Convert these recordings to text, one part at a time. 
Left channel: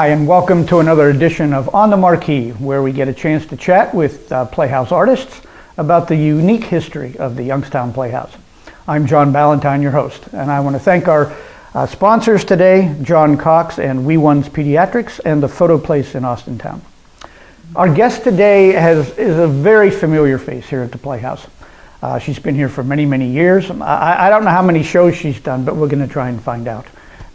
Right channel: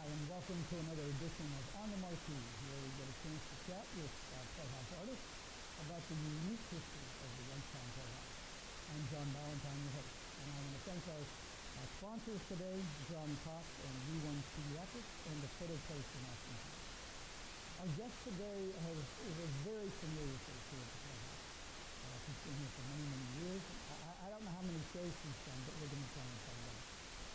Hi, and welcome to another edition of On the Marquee, where we get a chance to chat with Playhouse artists about the unique history of the Youngstown Playhouse. I'm John Ballantyne, your host, and I want to thank our sponsors today, John Cox and We One's Pediatrics and the Photo Place in Austintown. Our guest today is a very familiar face here at the Playhouse. She's been here for many, many years. I don't know how many shows she's done, but we're going to try and find out.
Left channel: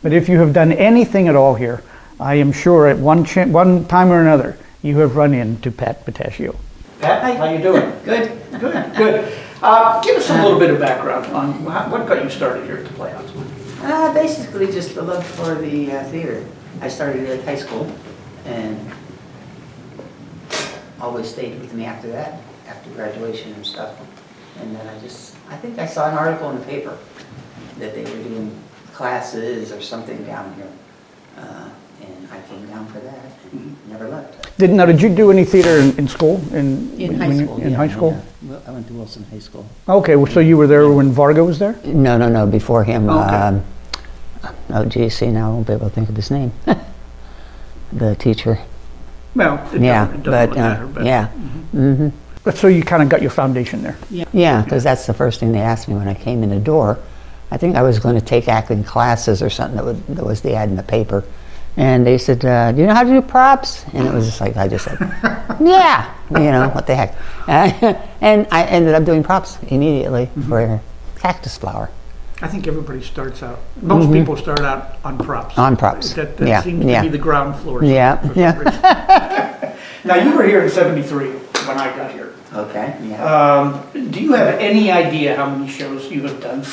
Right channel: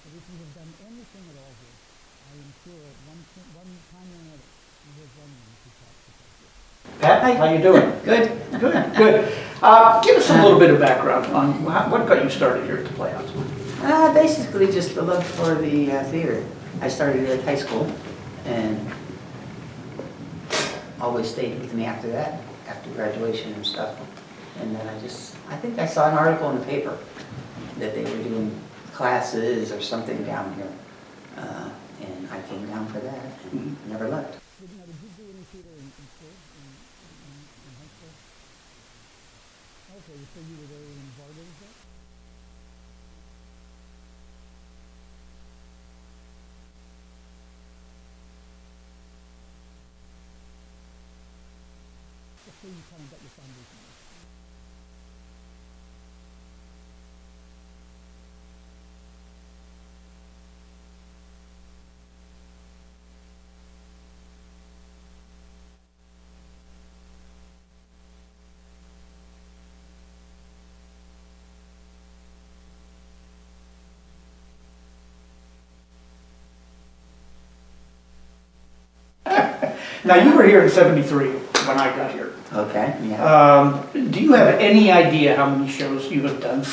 But if you have done anything at all here, I am sure at one time or another, you have run into Pat Petaccio. Pat, how you doing? Good. Good. Give us a little bit of background on what got you started here at the Playhouse. Basically just the love for the theater. I started at high school and always stayed with me after that, after graduation and stuff. And then I think I saw an article in the paper that they were doing classes or something down here. And I came down for that and never left. Did you do any theater in school? In high school. In high school? Yeah. I went to Wilson High School. Okay, well, so you were there when Varga was there? No, before him. Okay. See, now I won't be able to think of his name. The teacher. Well, it doesn't really matter. But, yeah. Mm-hmm. But so you kind of got your foundation there. Yeah, because that's the first thing they asked me when I came in the door. I think I was going to take acting classes or something. That was the ad in the paper. And they said, do you know how to do props? And it was just like, I just said, yeah, what the heck. And I ended up doing props immediately for Cactus Flower. I think everybody starts out, most people start out on props. On props. That seems to be the ground floor. Yeah. Now, you were here in '73 when I got here. Okay, yeah. Do you have any idea how many shows you have done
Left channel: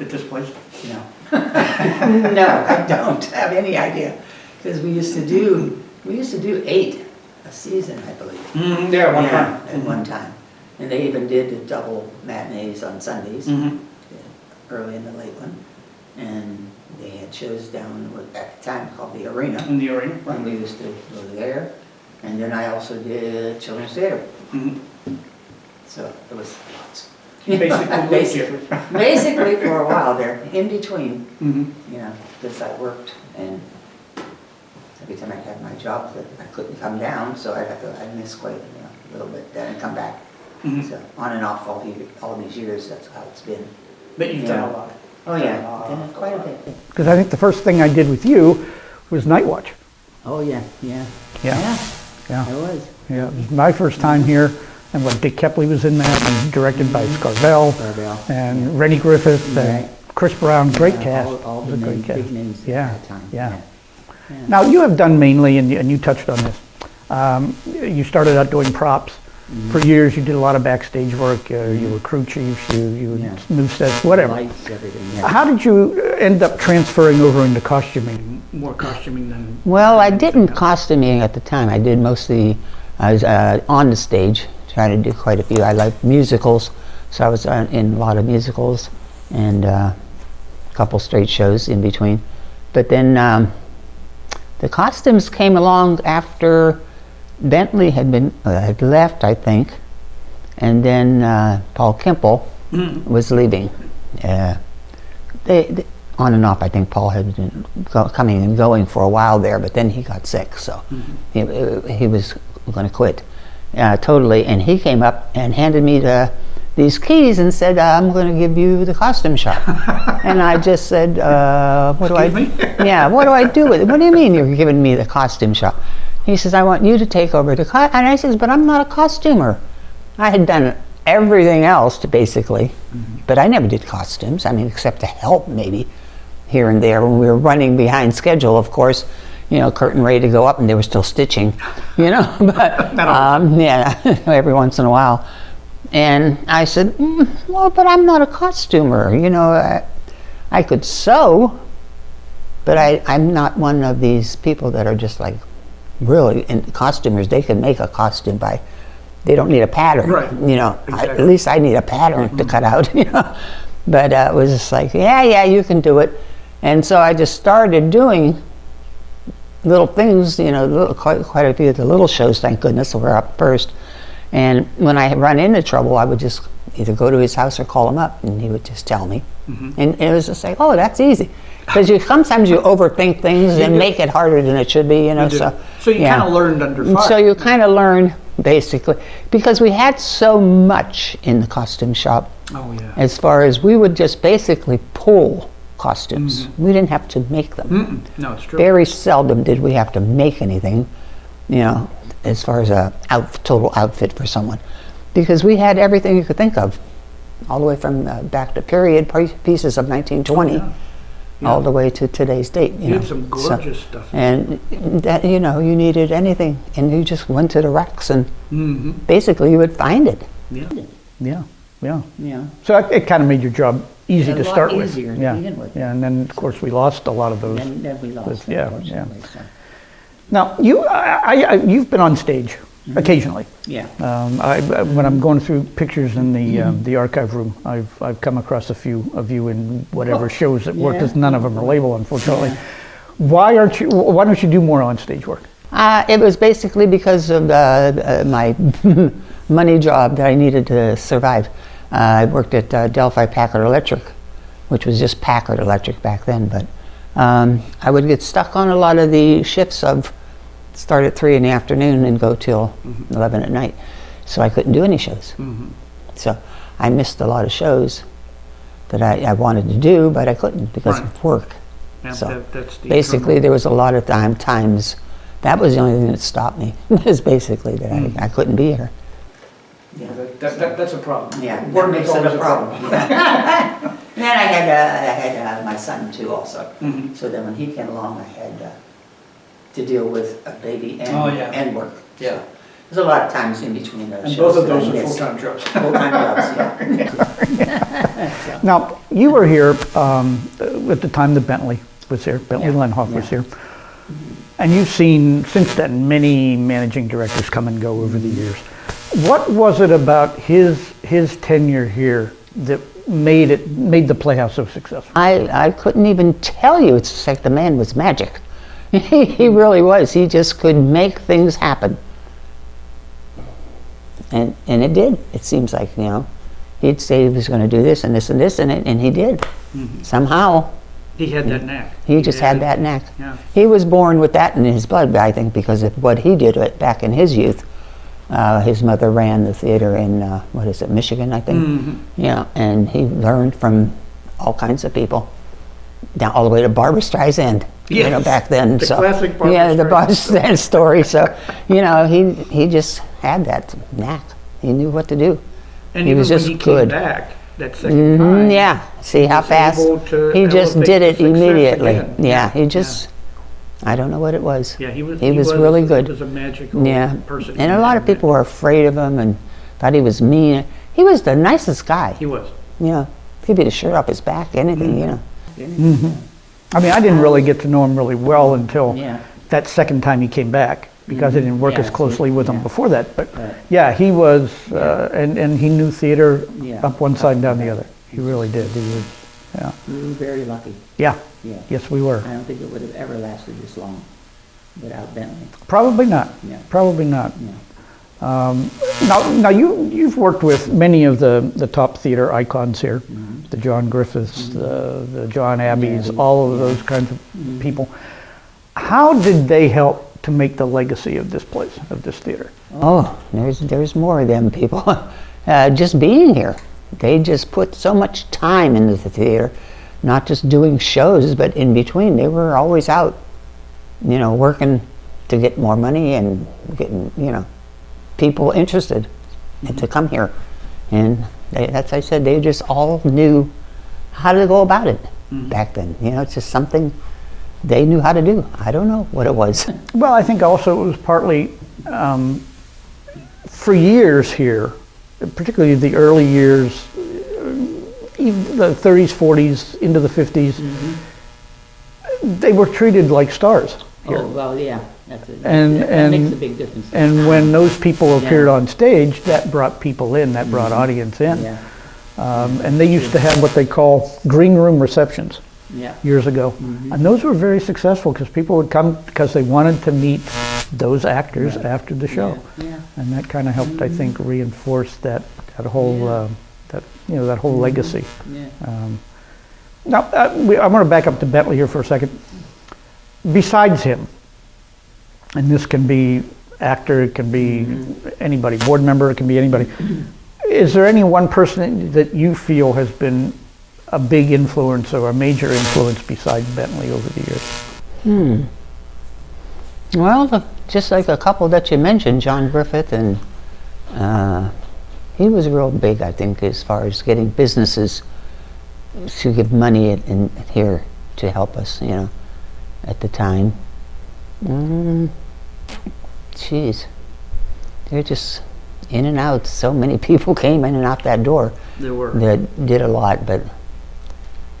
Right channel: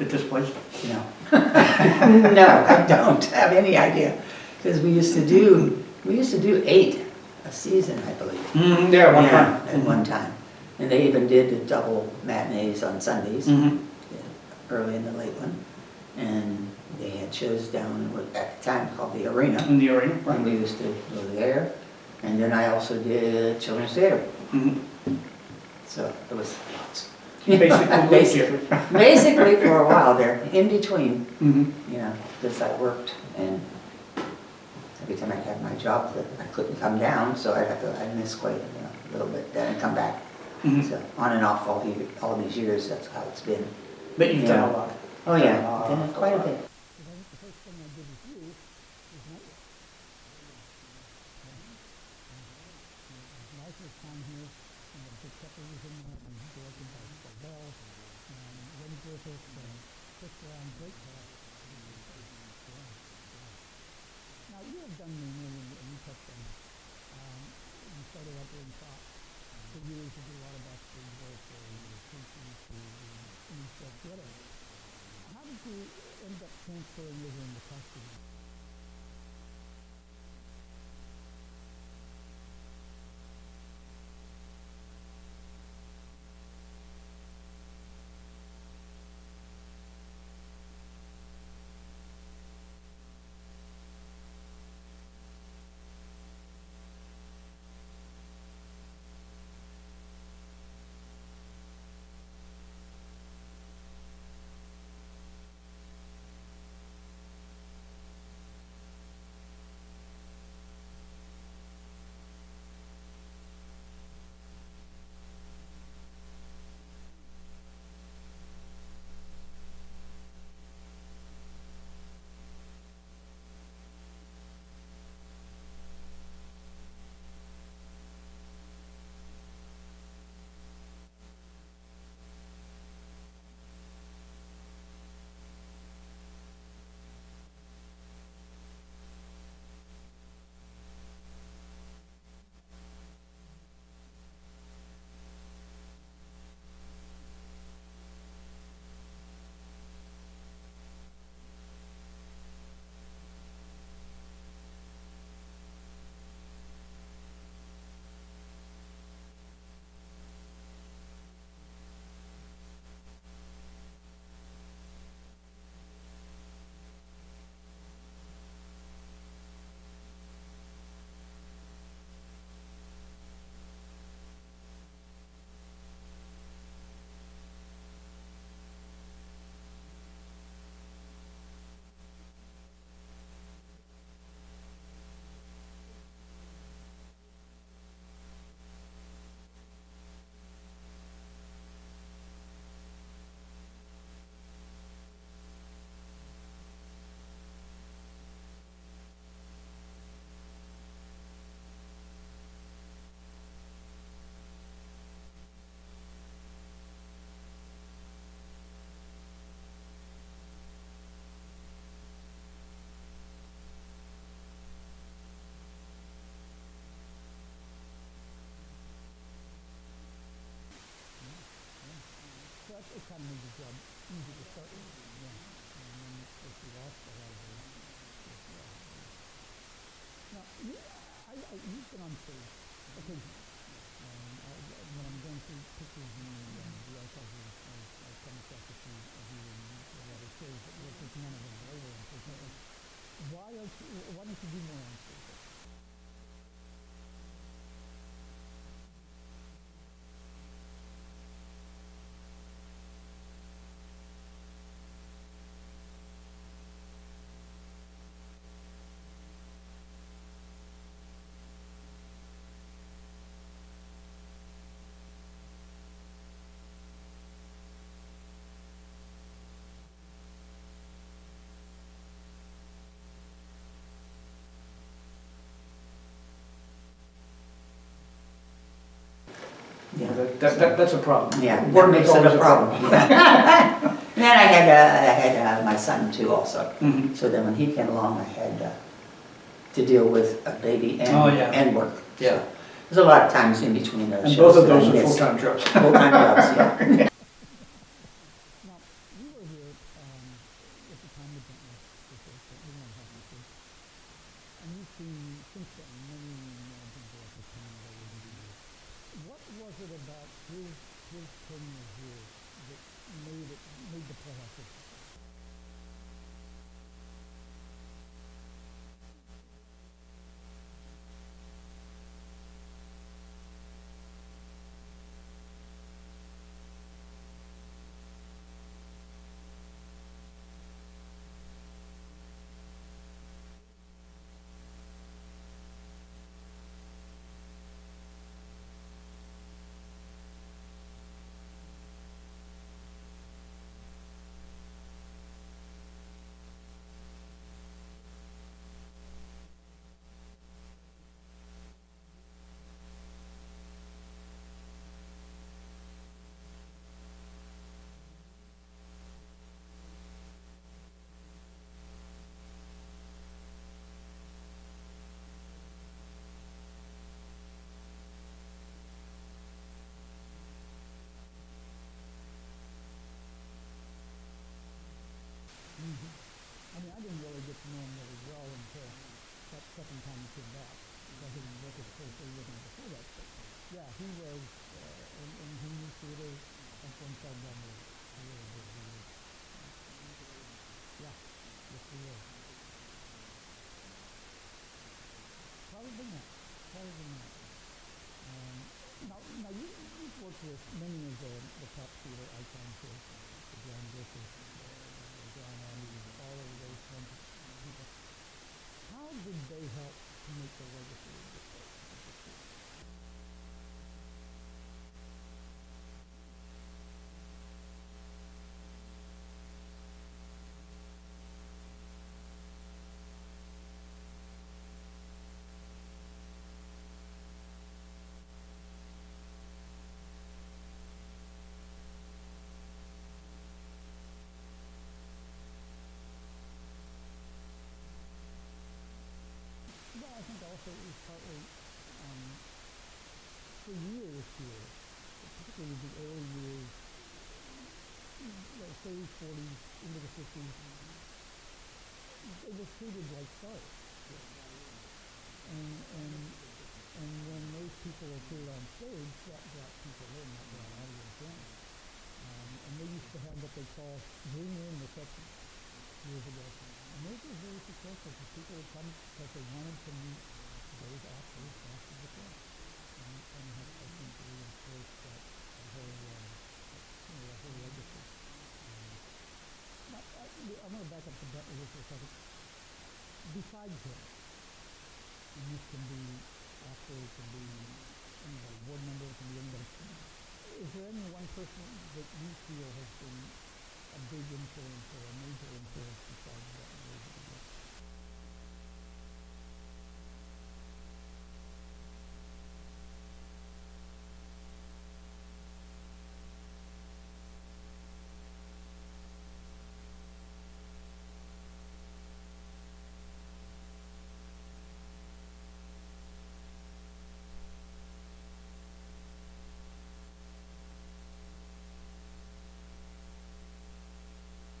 at this place? No. No, I don't have any idea. Because we used to do 8 a season, I believe. One time. At one time. And they even did the double matinees on Sundays, early and the late one. And they had shows down at the time called the Arena. In the Arena, right. And we used to go there. And then I also did children's theater. So it was lots. Basically for a while there, in between, because I worked and every time I had my job that I couldn't come down, so I'd miss quite a little bit then and come back. So on and off all these years, that's how it's been. But you've done a lot. Oh yeah, done quite a bit. Because I think the first thing I did with you was Night Watch. Oh yeah. It was. Yeah, it was my first time here. And when Dick Kepley was in that, and directed by Scarvell, and Rennie Griffith, and Chris Brown, great cast. All the big names at that time. Yeah. Now, you have done mainly, and you touched on this, you started out doing props. For years, you did a lot of backstage work. You were crew chiefs, you moved sets, whatever. Lights, everything, How did you end up transferring over into costuming? More costuming than... Well, I didn't costuming at the time. I did mostly, I was on the stage, trying to do quite a few. I like musicals, so I was in a lot of musicals and a couple straight shows in between. But then the costumes came along after Bentley had left, I think, and then Paul Kemple was leaving. They on and off, I think Paul had been coming and going for a while there, but then he got sick, so he was going to quit. Totally, and he came up and handed me these keys and said, I'm going to give you the costume shop. And I just said, what do I do with it? What do you mean you're giving me the costume shop? He says, I want you to take over the and I says, but I'm not a costumer. I had done everything else basically, but I never did costumes. I mean, except to help maybe here and there when we were running behind schedule, of course. Curtain ready to go up, and they were still stitching, but every once in a while. And I said, well, but I'm not a costumer, I could sew, but I'm not one of these people that are just like, really, and costumers, they can make a costume they don't need a pattern, right? Exactly. At least I need a pattern to cut out, But it was just like, yeah, you can do it. And so I just started doing little things, quite a few of the little shows, thank goodness, were up first. And when I run into trouble, I would just either go to his house or call him up, and he would just tell me. And it was just like, oh, that's easy. Because sometimes you overthink things and do. make it harder than it should be, you know. You do. So you yeah. kind of learned under fire. So you kind of learn basically because we had so much in the costume shop. Oh yeah. As far as we would just basically pull costumes. We didn't have to make them. No, it's true. Very seldom did we have to make anything, you know, as far as a total outfit for someone, because we had everything you could think of, all the way from back to period pieces of 1920, all the way to today's date. You had some gorgeous stuff. And that, you know, you needed anything, and you just went to the racks, and basically you would find it. Yeah. Yeah. Yeah. So it kind of made your job easy A to lot start with. easier to Yeah. begin with. Yeah, and then of course we lost a lot of those. Then we lost, Yeah, unfortunately. So. Now you've been on stage occasionally. Yeah. When I'm going through pictures in the archive room, I've come across a few of you in whatever shows that work, because none of them are labeled, unfortunately. Yeah. Why don't you do more on stage work? It was basically because of my money job that I needed to survive. I worked at Delphi Packard Electric, which was just Packard Electric back then, but I would get stuck on a lot of the shifts of start at 3 in the afternoon and go till 11 at night. So I couldn't do any shows. So I missed a lot of shows that I wanted to do, but I couldn't because of work. Yeah, So that's the basically there was a lot of times, that was the only thing that stopped me, is basically that I couldn't be here. Yeah. That's a problem. Yeah, Work that makes is it always a problem. And then I had my son too also. So then when he came along, I had to deal with a baby and work. Yeah. So there's a lot of times in between those And shows. both of that I those are missed. full-time jobs. Full-time jobs, yeah. Now, you were here at the time that Bentley was here, Bentley Lenhoff was here. And you've seen, since then, many managing directors come and go over the years. What was it about his tenure here that made the Playhouse so successful? I couldn't even tell you. It's just like the man was magic. He really was. He just could make things happen. And it did. It seems like, you know, he'd say he was going to do this and this and this, and he did. Somehow. He had that knack. He just had that knack. Yeah. He was born with that in his blood, I think, because of what he did back in his youth. His mother ran the theater in, Michigan, I think. Yeah, and he learned from all kinds of people, down all the way to Barbra Streisand, you know, back then. The So classic Barbra yeah, the Barbra Streisand Streisand story. So, you know, he just had that knack. He knew what to do. And He even was just when he good. came back that second time, Mhm, yeah, see how was fast able to he just elevate did it the success immediately. again. Yeah, he just, I don't know what it was. Yeah, he was really good. He was a magical Yeah, person. and a lot of people were afraid of him and thought he was mean. He was the nicest guy. He was. Yeah, he'd be the shirt off his back, anything, you know. I mean, I didn't really get to know him really well until Yeah. that second time he came back, because I didn't work Yeah, as closely with him yeah. before that. But Right. yeah, he was, and he knew theater Yeah. up one side and down the other. He really did. He was, yeah. We were very lucky. Yeah, Yeah. yes, we were. I don't think it would have ever lasted this long without Bentley. Probably not. Yeah. Probably not. Yeah. Now you've worked with many of the top theater icons here, the John Griffiths, the John Abbeys, all of those kinds of people. How did they help to make the legacy of this place, of this theater? Oh, there's more of them people. Just being here. They just put so much time into the theater, not just doing shows, but in between. They were always out, you know, working to get more money and getting, you know, people interested to come here. And that's, I said, they just all knew how to go about it back then. You know, it's just something they knew how to do. I don't know what it was. Well, I think also it was partly, for years here, particularly the early years, even the 30s, 40s, into the 50s, they were treated like stars here. Oh, well, yeah. And- that and- makes a big difference. And when those people appeared Yeah. on stage, that brought people in, that brought audience in. Yeah, And they used to have what they call green room receptions yeah. years ago. And those were very successful because people would come because they wanted to meet those actors after the show. Yeah. And that kind of helped, I think, reinforce that whole, that whole legacy. Yeah. Now, I'm going to back up to Bentley here for a second. Besides him, and this can be actor, it can be anybody, board member, it can be anybody. Is there any one person that you feel has been a big influence or a major influence besides Bentley over the years? Well, just like a couple that you mentioned, John Griffith, and he was real big, I think, as far as getting businesses to give money in here to help us, you know, at the time. Geez, they're just in and out. So many people came in and out that door. There were. That did a lot, but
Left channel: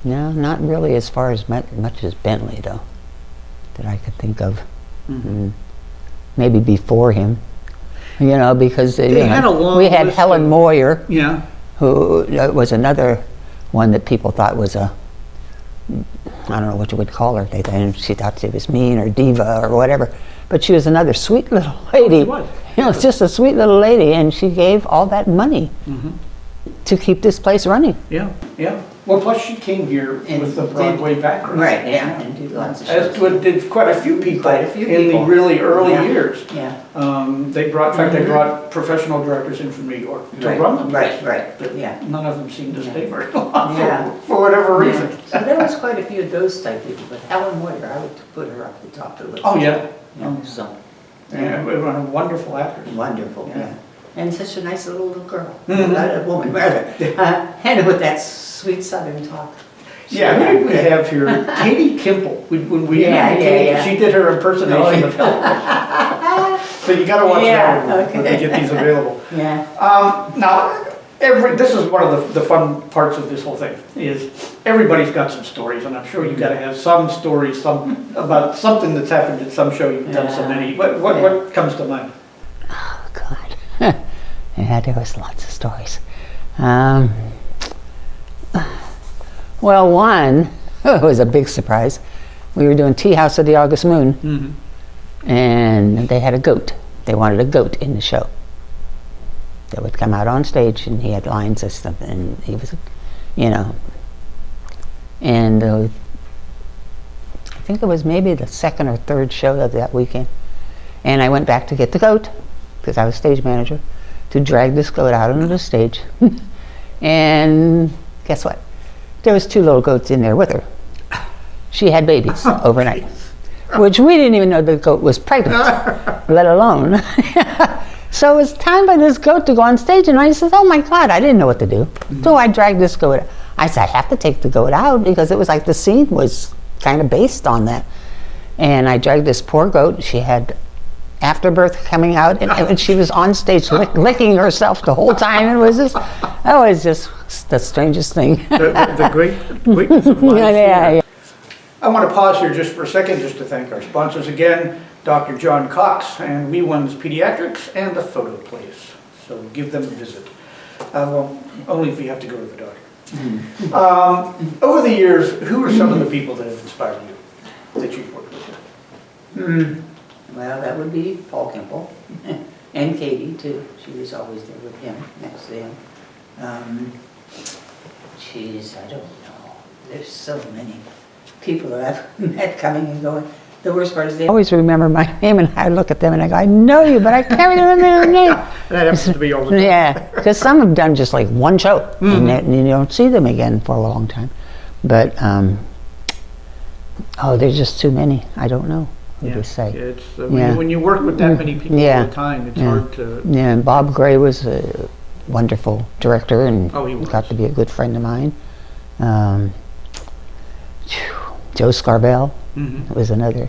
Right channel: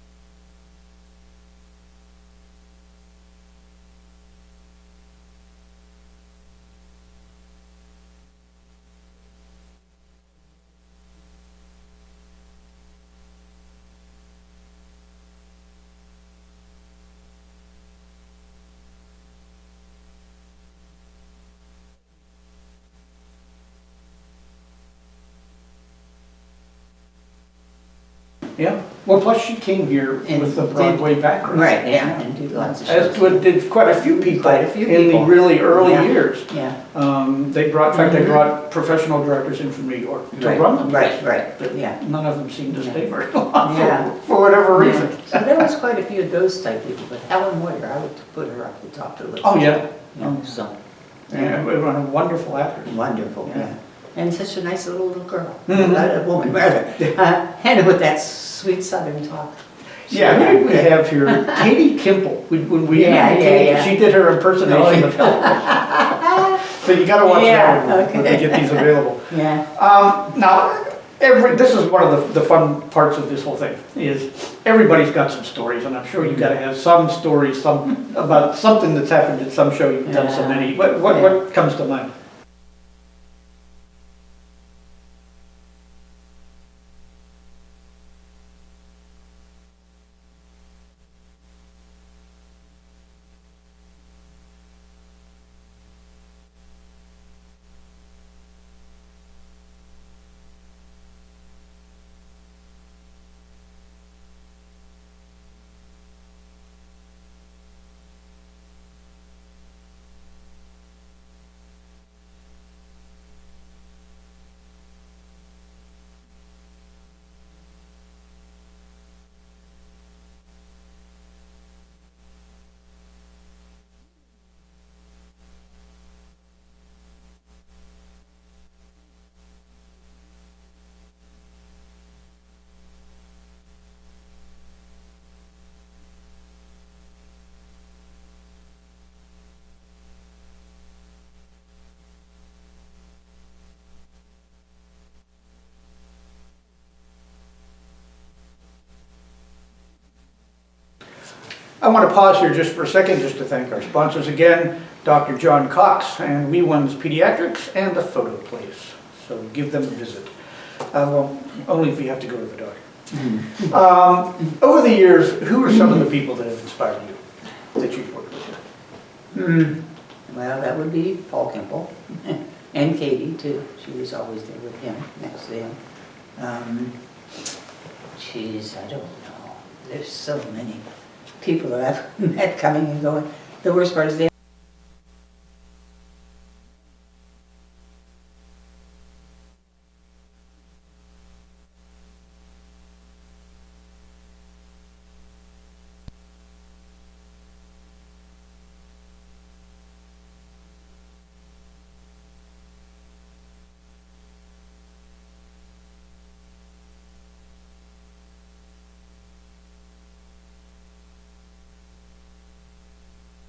no, not really as far as much as Bentley, though, that I could think of. Maybe before him, you know, because They had a long we had list Helen of- Moyer, Yeah. who was another one that people thought was a, I don't know what you would call her. She thought she was mean or diva or whatever, but she was another sweet little lady. she was. You know, it's just a sweet little lady, and she gave all that money to keep this place running. Yeah, yeah. Well, plus she came here And with the did- Broadway background. Right, yeah, and did lots of As shows. did quite a few people Quite a few in the people. really early Yeah. years. Yeah. They brought, in fact, they brought professional directors in from New York to Right, run the place. right, But yeah. none of them seemed to Yeah. stay very long Yeah. for whatever reason. So there was quite a few of those type people, but Helen Moyer, I would put her up the top of the list. Oh, yeah. Yeah, so, Yeah, we were a wonderful actress. wonderful, Yeah. yeah. And such a nice little girl, Mhm. a woman rather, and with that sweet southern talk. Yeah, who did we have here? Katie Kimple. When we Yeah, had yeah, Katie, yeah. she did her impersonation of Helen. So you got to watch Yeah, that when they get these available. Yeah, Now, this is one of the fun parts of this whole thing, is everybody's got some stories, and I'm sure you got to have some stories about something that's happened at some show you've done so Yeah. many. What comes to mind? Oh, God. Yeah, there was lots of stories. Well, one was a big surprise. We were doing Tea House of the August Moon, and they had a goat. They wanted a goat in the show that would come out on stage, and he had lines and stuff, and he was, you know, and I think it was maybe the second or third show of that weekend, and I went back to get the goat, because I was stage manager, to drag this goat out onto the stage, and guess what? There was 2 little goats in there with her. She had babies overnight, which we didn't even know the goat was pregnant, let alone. So it was time by this goat to go on stage, and I said, oh my God, I didn't know what to do. So I dragged this goat out. I said, I have to take the goat out, because it was like the scene was kind of based on that. And I dragged this poor goat. She had afterbirth coming out, and she was on stage licking herself the whole time. It was just the strangest thing. The greatness of life. Yeah. I want to pause here just for a second, just to thank our sponsors again, Dr. John Cox and We One's Pediatrics and the Photo Place. So give them a visit. Well, only if you have to go to the doctor. Over the years, who are some of the people that have inspired you, that you've worked with? well, that would be Paul Kimple, and Katie too, she was always there with him, next to him. Geez, I don't know, there's so many people that I've met coming and going. The worst part is I always remember my name, and I look at them and I go, I know you, but I can't remember their name. That happens to be all the time. Yeah, because some have done just like one show, and you don't see them again for a long time. But, there's just too many. I don't know who to say. It's, Yeah. when you work with that many people Yeah. all the time, it's Yeah. hard to... Yeah, and Bob Gray was a wonderful director, and Oh, he was. got to be a good friend of mine. Joe Scarbell was another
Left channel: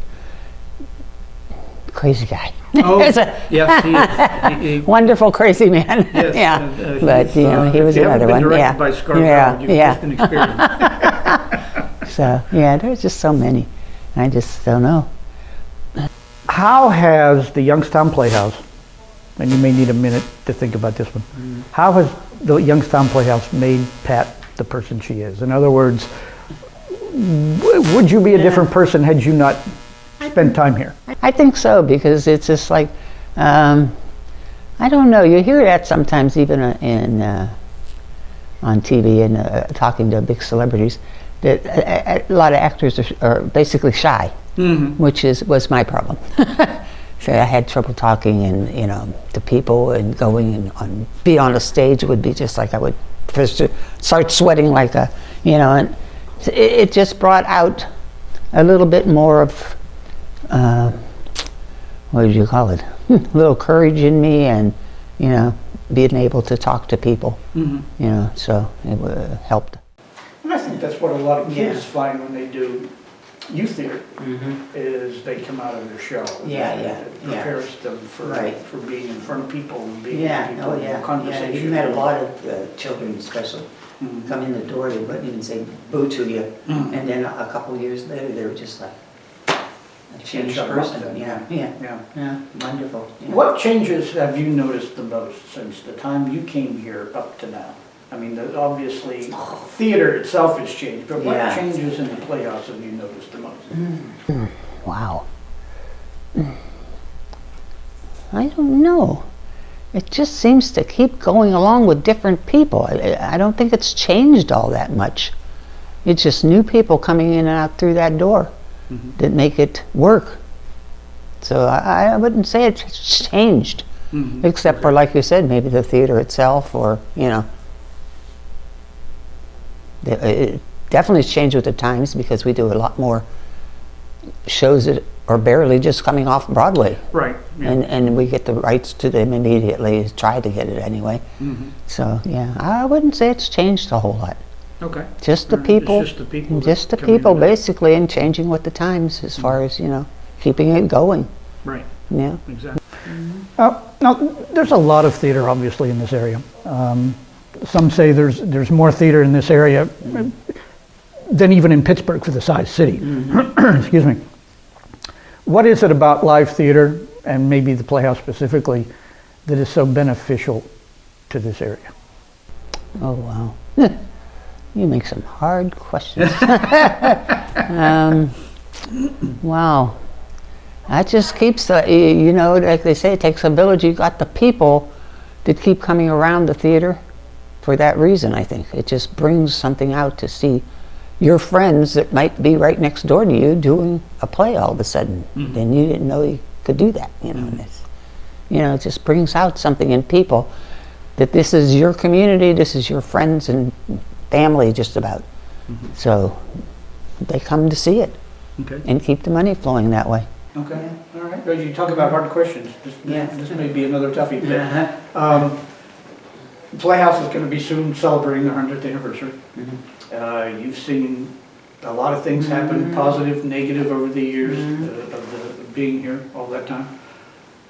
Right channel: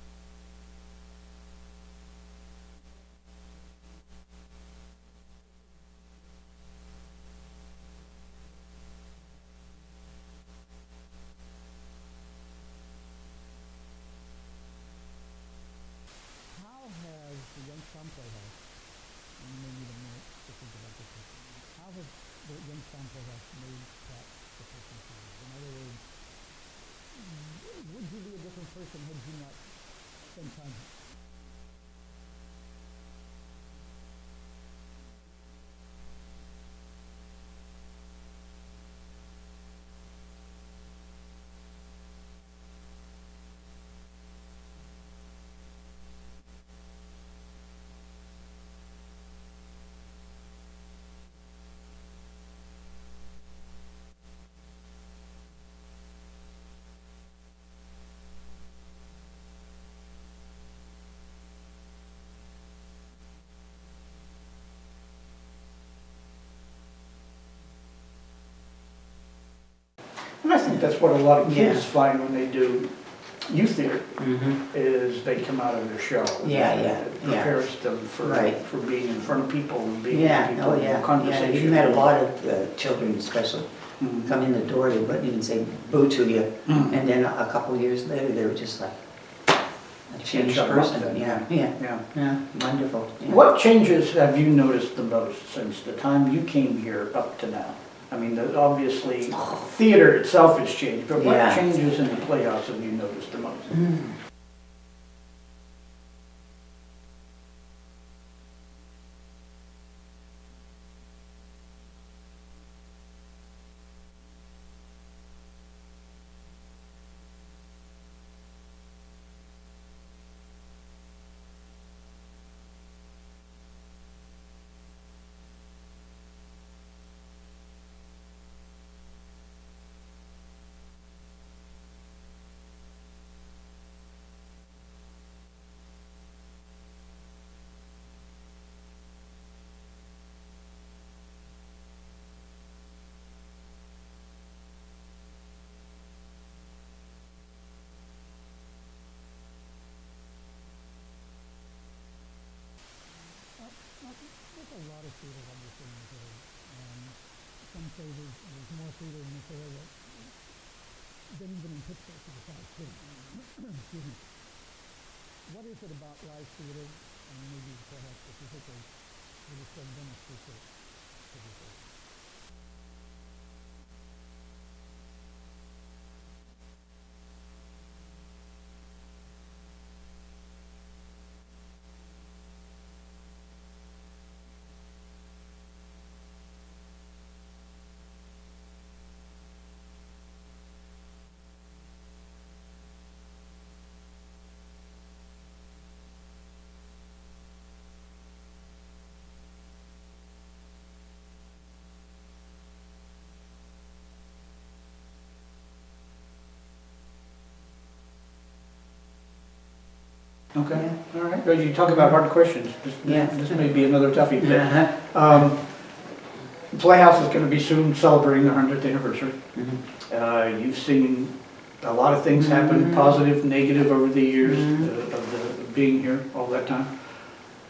crazy guy. Oh, He's a yes, he is. He- wonderful crazy man. Yes, Yeah, but he's, you know, he was if you another haven't been one. directed Yeah, by Scarbell, yeah, you've yeah. just been experienced. So yeah, there's just so many. I just don't know. How has the Youngstown Playhouse, and you may need a minute to think about this one, how has the Youngstown Playhouse made Pat the person she is? In other words, would you be a different person had you not spent time here? I think so, because it's just like, I don't know, you hear that sometimes even on TV and talking to big celebrities, that a lot of actors are basically shy, which was my problem. So I had trouble talking and to people and going and be on a stage would be just like I would first start sweating like and it just brought out a little bit more of what do you call it? A little courage in me and being able to talk to people. So it helped. And I think that's what a lot of kids find when they do youth theater, is they come out of their shell. It prepares them for being in front of people and being with people in conversation. You've had a lot of children especially come in the door, they wouldn't even say boo to you, and then a couple years later they were just like a changed person. Wonderful. Yeah. What changes have you noticed the most since the time you came here up to now? I mean, obviously, theater itself has changed, but what changes in the Playhouse have you noticed the most? Wow. I don't know. It just seems to keep going along with different people. I don't think it's changed all that much. It's just new people coming in and out through that door that make it work. So I wouldn't say it's changed, except for, like you said, maybe the theater itself or, it definitely has changed with the times because we do a lot more shows that are barely just coming off Broadway. Right. Yeah. And we get the rights to them immediately, try to get it anyway. So, yeah, I wouldn't say it's changed a whole lot. Okay. Just the people. It's just the people. Just the people, basically, and changing with the times as far as, keeping it going. Right. Yeah. Exactly. Now, there's a lot of theater, obviously, in this area. Some say there's more theater in this area than even in Pittsburgh for the size city. Excuse me. What is it about live theater, and maybe the Playhouse specifically, that is so beneficial to this area? Oh, wow. You make some hard questions. Wow. That just keeps like they say, it takes a village. You got the people that keep coming around the theater for that reason, I think. It just brings something out to see your friends that might be right next door to you doing a play all of a sudden. And you didn't know you could do that, and it just brings out something in people that this is your community, this is your friends and family just about. So they come to see it and keep the money flowing that way. Okay, all right. Well, you talk about hard questions. This may be another toughie. Playhouse is going to be soon celebrating their 100th anniversary. You've seen a lot of things happen, positive, negative, over the years of being here all that time.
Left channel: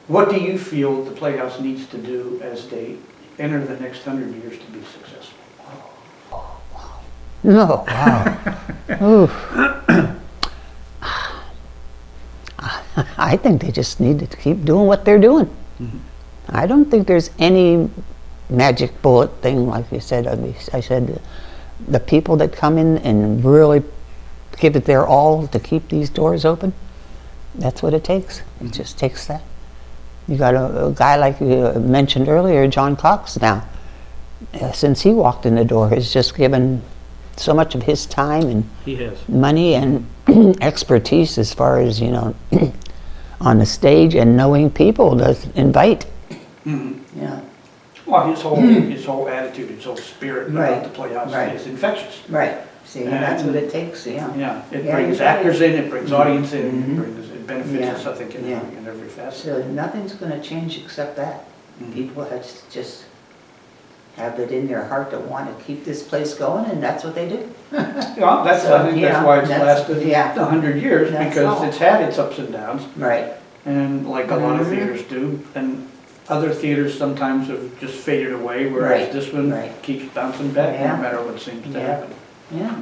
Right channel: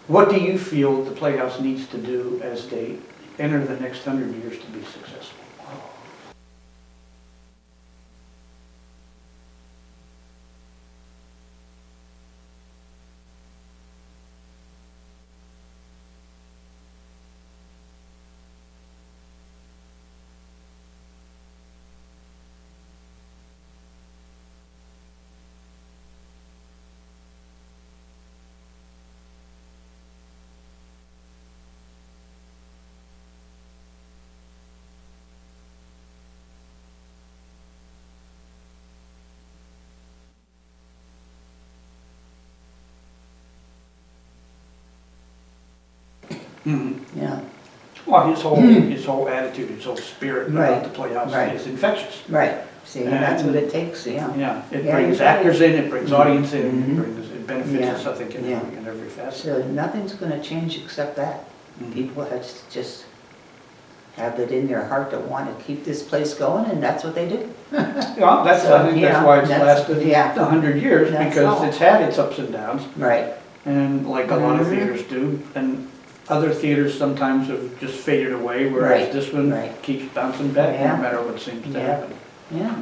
What do you feel the Playhouse needs to do as they enter the next 100 years to be successful? No, wow. Oof. I think they just need to keep doing what they're doing. I don't think there's any magic bullet thing, like you said. I said the people that come in and really give it their all to keep these doors open, that's what it takes. It just takes that. You got a guy like you mentioned earlier, John Cox now. Since he walked in the door, has just given so much of his time and money and expertise as far as, on the stage and knowing people to invite. Yeah. Well, his whole attitude, his whole spirit about the Playhouse is infectious. Right. See, that's what it takes. Yeah. It brings actors in, it brings audience in, it benefits us, I think, in every facet. So nothing's going to change except that. People have to just have it in their heart to want to keep this place going, and that's what they do. I think that's why it's lasted 100 years, because it's had its ups and downs. Right. And like a lot of theaters do, and other theaters sometimes have just faded away, whereas this one keeps bouncing back no matter what seems to happen. Yeah.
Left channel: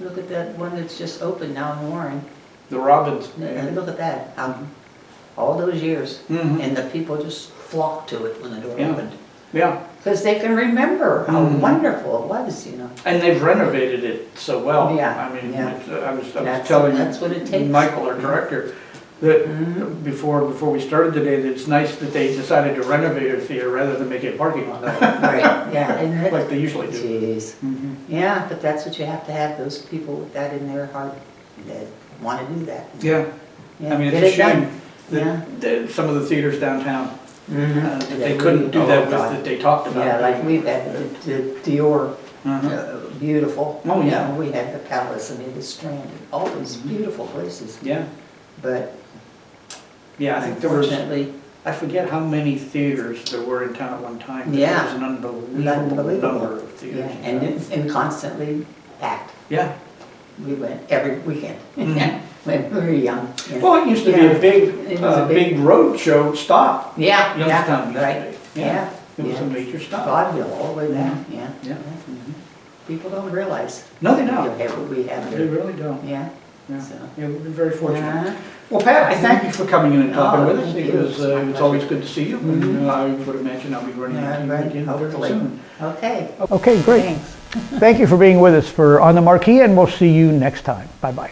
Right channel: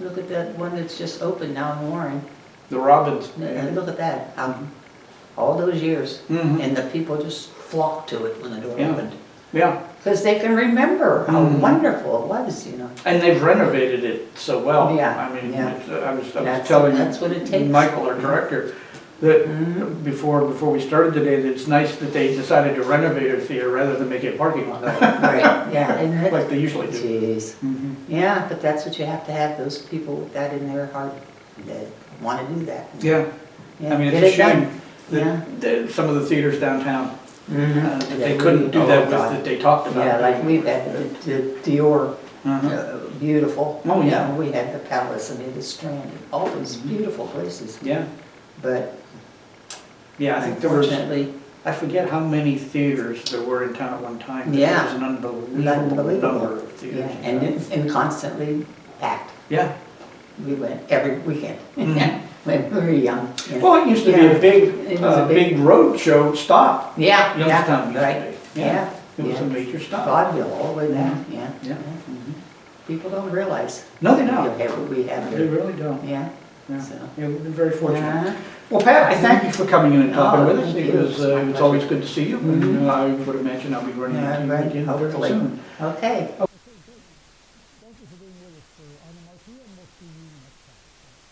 Look at that one that's just opened now in Warren. The Robins. Look at that. All those years, and the people just flocked to it when the door opened. Yeah. Because they can remember how wonderful it was, And they've renovated it so well. Yeah. I mean, I was telling that's what it takes. Michael, our director, that before we started today, that it's nice that they decided to renovate a theater rather than make it a parking lot. Right, yeah, isn't it? Like they usually do. Jeez. Mhm. Yeah, but that's what you have to have, those people with that in their heart that want to do that. Yeah, Yeah, I mean, get it's a it done. shame Yeah. that some of the theaters downtown, Mhm. that Yeah, they couldn't do that with, God. that they talked about. Yeah, like we've had the Dior, Uh-huh. beautiful. Oh, You yeah. know, we had the Palace, I mean, the Strand, all those beautiful places. Yeah, But yeah, I think there was, unfortunately, I forget how many theaters there were in town at one time. but Yeah. It was an unbelievable number of theaters. yeah, and constantly packed. Yeah. We went every weekend Mhm. when we were young. Yeah. Well, it used to be Yeah. a big, It was a big- big road show stop. Yeah, Youngstown yeah, used to right, be. yeah. It was yeah. a major stop. Vaudeville all the way down, yeah. Yeah. Mhm. People don't realize No, they you don't. have what we have They here. really don't. Yeah. Yeah. So. Yeah, we've been very fortunate. Uh-huh. Well, Pat, I thank you for coming in and talking Oh, with us. thank It you. was, It's my it's always pleasure. good to see you. Mhm. And I would imagine I'll be running Yeah, into you right, again very hopefully. soon. Okay. Okay, great. Thanks. Thank you for being with us for On the Marquee, and we'll see you next time. Bye-bye.